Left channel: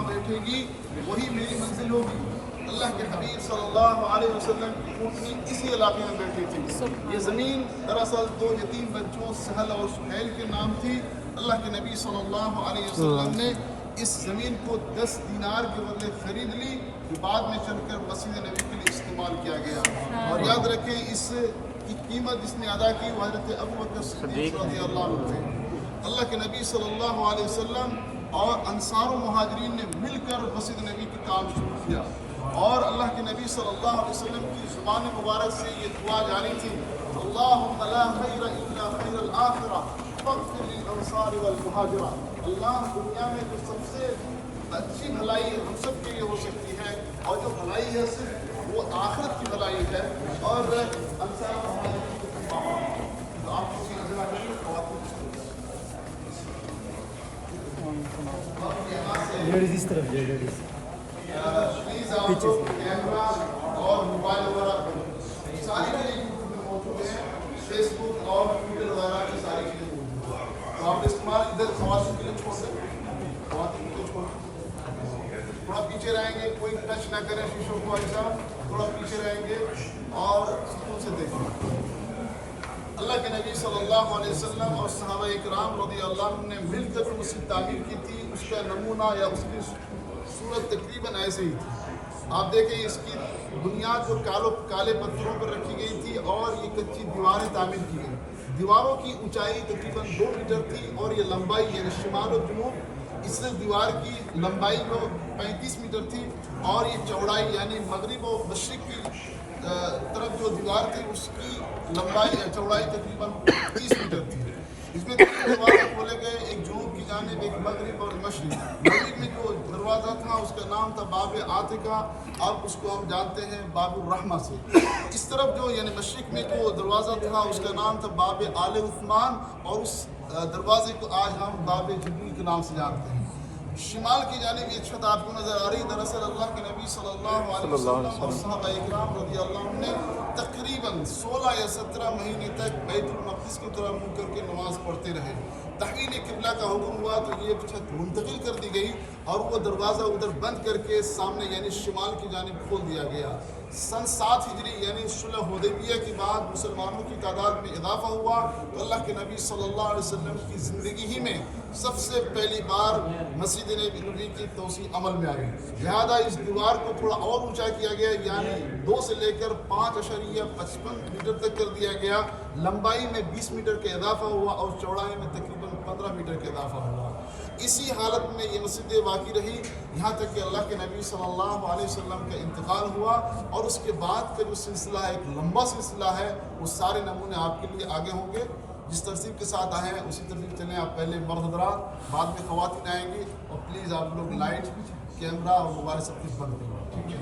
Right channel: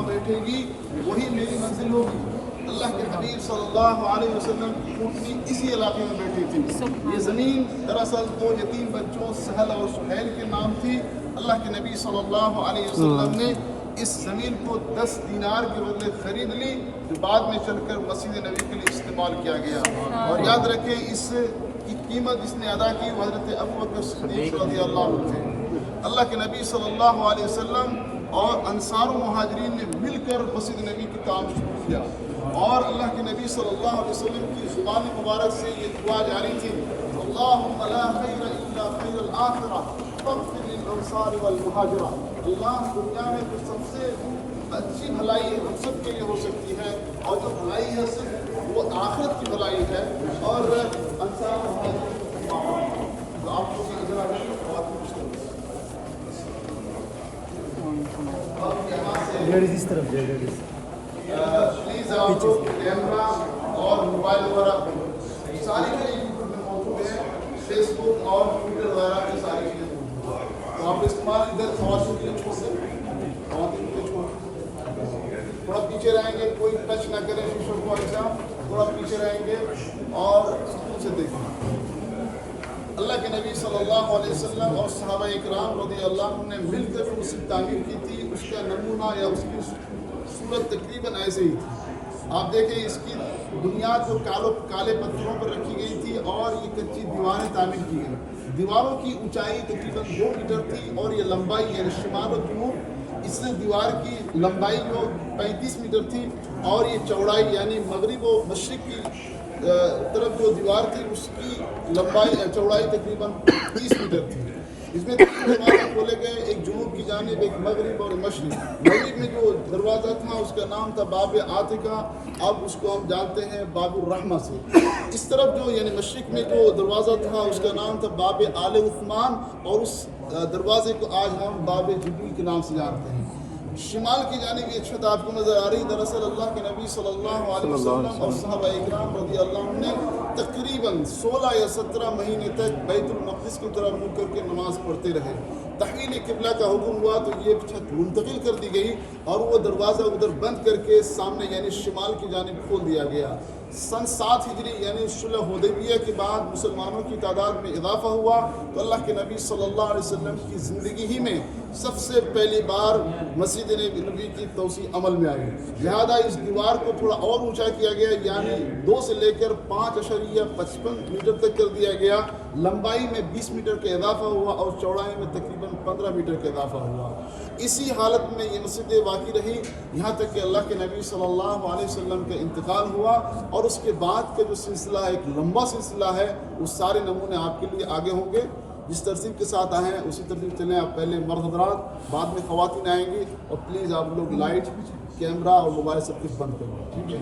जहाँ बैठेगी वही मेरी मंजिल होगी। अल्लाह के हबीब सल्लल्लाहु अलैहि वसल्लम की ऊँटनी इसी इलाके में बैठी थी। ये ज़मीन दरअसल दो यतीम बच्चों सहल और सुहैल के नाम थी। अल्लाह के नबी सल्लल्लाहु अलैहि वसल्लम ने इस ज़मीन को 10 दीनार के बदले खरीद ली, जो बाद में चलकर मस्जिद नबी के लिए इस्तेमाल किया गया। और याद रखें, इस की कीमत जिसने अदा की वो हज़रत अबू बकर सिद्दीक़ रज़ियल्लाहु अन्हु थे। अल्लाह के नबी सल्लल्लाहु अलैहि वसल्लम और अंसार व मुहाजिरीन ने मिलकर मस्जिद नबी का काम शुरू किया। और अल्लाह के नबी सल्लल्लाहु अलैहि वसल्लम की ज़ुबान मुबारक से ये दुआ जारी थी, अल्लाहुम्मा ला खैर इल्ला खैरुल आखिरा फग़फिर लिल अंसार वल मुहाजिरा। अल्लाह, दुनिया में जो सबसे अच्छी भलाई हम सब के लिए हो सकती है, और जो भलाई है सिर्फ वो आखिरत की भलाई है। और अंसार तो आपको भी इस तरफ प्लीज आप लोग कैमरा और मोबाइल वगैरह सारी चीज़ें यूट्यूब में मौजूद है, फेसबुक और ट्विटर वगैरह की सारी चीज़ें मौजूद है। तो आप इस्तेमाल इधर खवातीन के लिए छोड़ दें, खवातीन के लिए छोड़ दें। थोड़ा पीछे रहेंगे, कोई टच ना करे शीशों को, ऐसा थोड़ा पीछे रहेंगे और सुकून से देखें। अल्लाह के नबी सल्लल्लाहु अलैहि वसल्लम और सहाबा इकराम रज़ियल्लाहु अन्हुम ने मिलकर जो उसकी तामीर की थी, उसका नमूना या उसकी सूरत तकरीबन ऐसे ही थी। आप देखें, इसकी बुनियाद जो काले पत्थरों पर रखी गई थी और ये कच्ची दीवारें तामीर की गई। दीवारों की ऊंचाई तकरीबन 2 मीटर थी और ये लंबाई यानी शिमाल और जनूब इस दीवार की लंबाई जो 35 मीटर थी, और ये चौड़ाई यानी मगरिब व मशरिक की तरफ जो दीवार थी उसकी चौड़ाई तकरीबन 30 मीटर थी। इसमें 3 दरवाजे खोले गए, एक जुनूब की जानिब, एक मगरिब और मशरिक। मगरिब में जो दरवाज़ा था उसका नाम था बाब आतिका, अब उसको हम जानते हैं बाबुर रहमा से। इस तरफ जो यानी मशरिक में जो दरवाज़ा था उसका नाम था बाब आले उस्मान, और उस दरवाजे को आज हम बाब जिब्रील के नाम से जानते हैं। शिमाल की जानिब ये छत आपको नज़र आ रही। दरअसल अल्लाह के नबी सल्लल्लाहु अलैहि वसल्लम और सहाबा इकराम रज़ियल्लाहु अन्हुम ने तकरीबन 16 या 17 महीने तक बैतुल मक़दिस की तरफ मुँह करके नमाज पढ़ते रहे। तहवील किबला का हुक्म हुआ तो ये छत मुंतकिल कर दी गई और वो दरवाज़ा उधर बंद करके सामने यानी शिमाल की जानिब खोल दिया गया। सन 7 हिजरी यानी सुलह हुदैबिया के बाद मुसलमानों की तादाद में इजाफा हुआ, तो अल्लाह के नबी सल्लल्लाहु अलैहि वसल्लम की ज़िंदगी ही में सबसे पहली बार मस्जिद नबी की तोसी अमल में आई। लिहाजा इस दीवार को थोड़ा और ऊंचा किया गया, यानी 2 से लेकर 5.55 मीटर तक कर दिया गया। लंबाई में 20 मीटर का इजाफा हुआ और चौड़ाई में तकरीबन 15 मीटर का इजाफा हुआ। इसी हालत में ये मस्जिद बाकी रही यहाँ तक कि अल्लाह के नबी सल्लल्लाहु अलैहि वसल्लम का इंतकाल हुआ। और उसके बाद का जो सिलसिला है, एक लंबा सिलसिला है, उस सारे नमूने आपके लिए आगे होंगे। जिस तरतीब के साथ आए हैं उसी तरतीब चलें। आप पहले मर्द हज़रात, बाद में ख़वातीन आएंगी, और प्लीज़ आप लोग लाइट, कैमरा और मोबाइल सब कुछ बंद करें, ठीक है।